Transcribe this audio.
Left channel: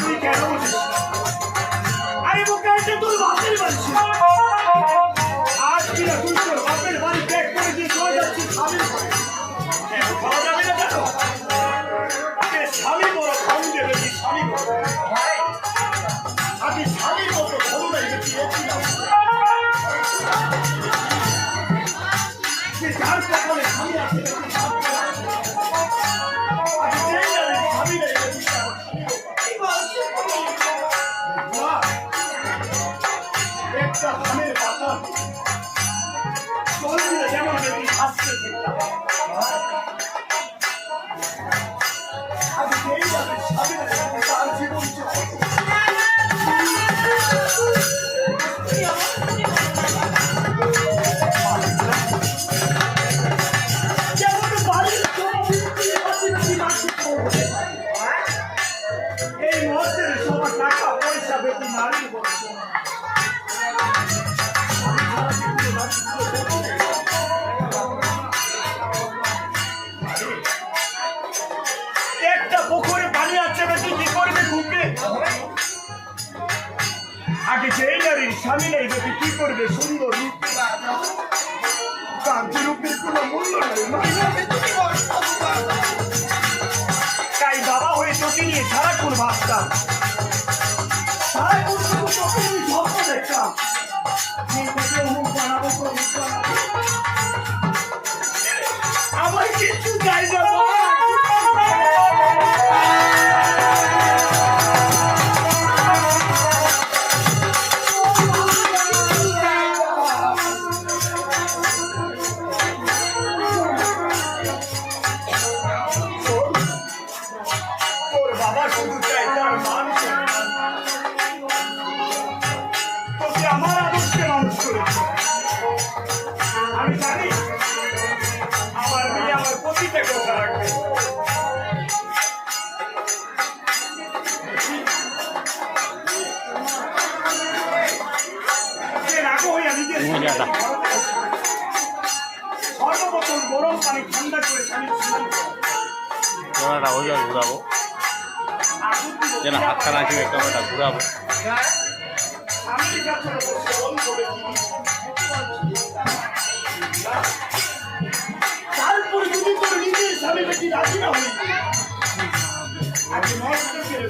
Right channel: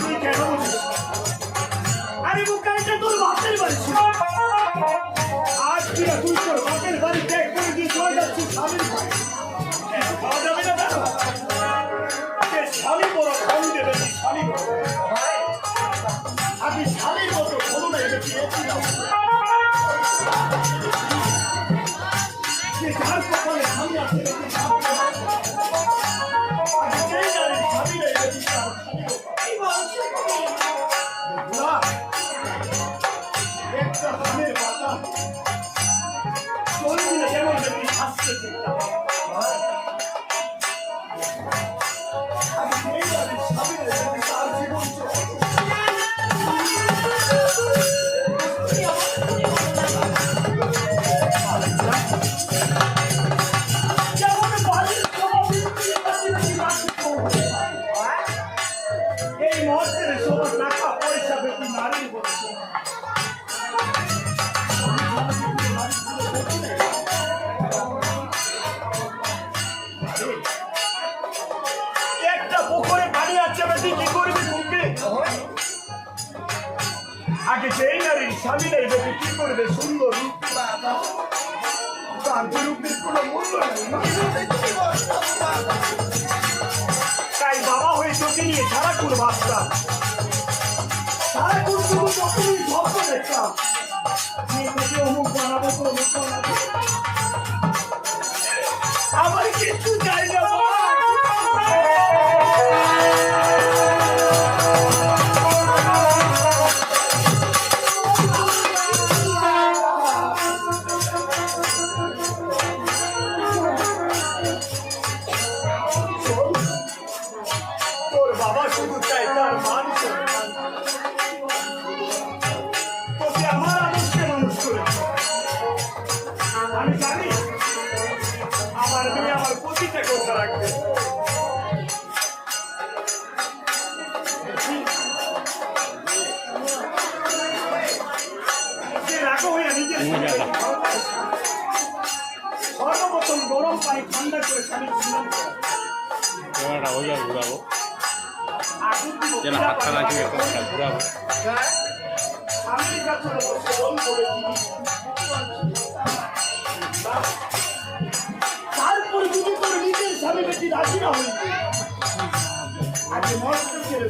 তুই কেন বলিস? আরে বোকা, এটা তোর বাপের বাড়ি ছিল। আজ কিনা তুই তোর বাপের বাড়ি ত্যাগ করে দিয়ে চলে যাচ্ছিস স্বামীর বাড়ি। কেন খাওয়া যাবে না কেন? স্বামী বড় খাওয়া দেবে, তুই স্বামী বড়। আমি স্বামীর মতো ধরুন পেয়েছিলাম। যার কপালে স্বামী আছে একটা ধানের পাতা চলে দিলে যেমন দেখি আসছে আমি সেই যাবে স্বামীর তার জীবন এই মুহূর্তের সবার টাকা পয়সা বেশি নারীর বলছে একটা পুকুরে পানি আছে বেশি কি করবে ঢুকবে আগে সেই নারীর স্বামী নাই বেশি কি করবে সুন্দর রূপ কান্তি রূপের কোনো মূল্য নেই তাই বাবা হয়ে তোকে নিয়ে সারাক্ষণ ভাবতাম সারাক্ষণ শুধু কখনোই স্বপ্ন দেখতাম অমুক বানাবো তমুক বানাবো আমার কিছু চাই না বাবা শুধু চাই তার মানুষ তোকে আমার আদর্শে মানুষ করেছে আমি জানি আমার মেয়ে আমার প্রতিটা কথা রাখবে রাগো হইয়া নিজের সর্বপ্রথম গরম পানি ঠান্ডা করে স্বামীর ক্যামেরাটা ওইভাবে ঘুরাবো যেন হাতটা না চুকে ক্যামেরাটা ঘুরাবো তারপরে যদি তোর নিজের স্বামী বেশি রাজি না হই আগে মস্ত ছেলে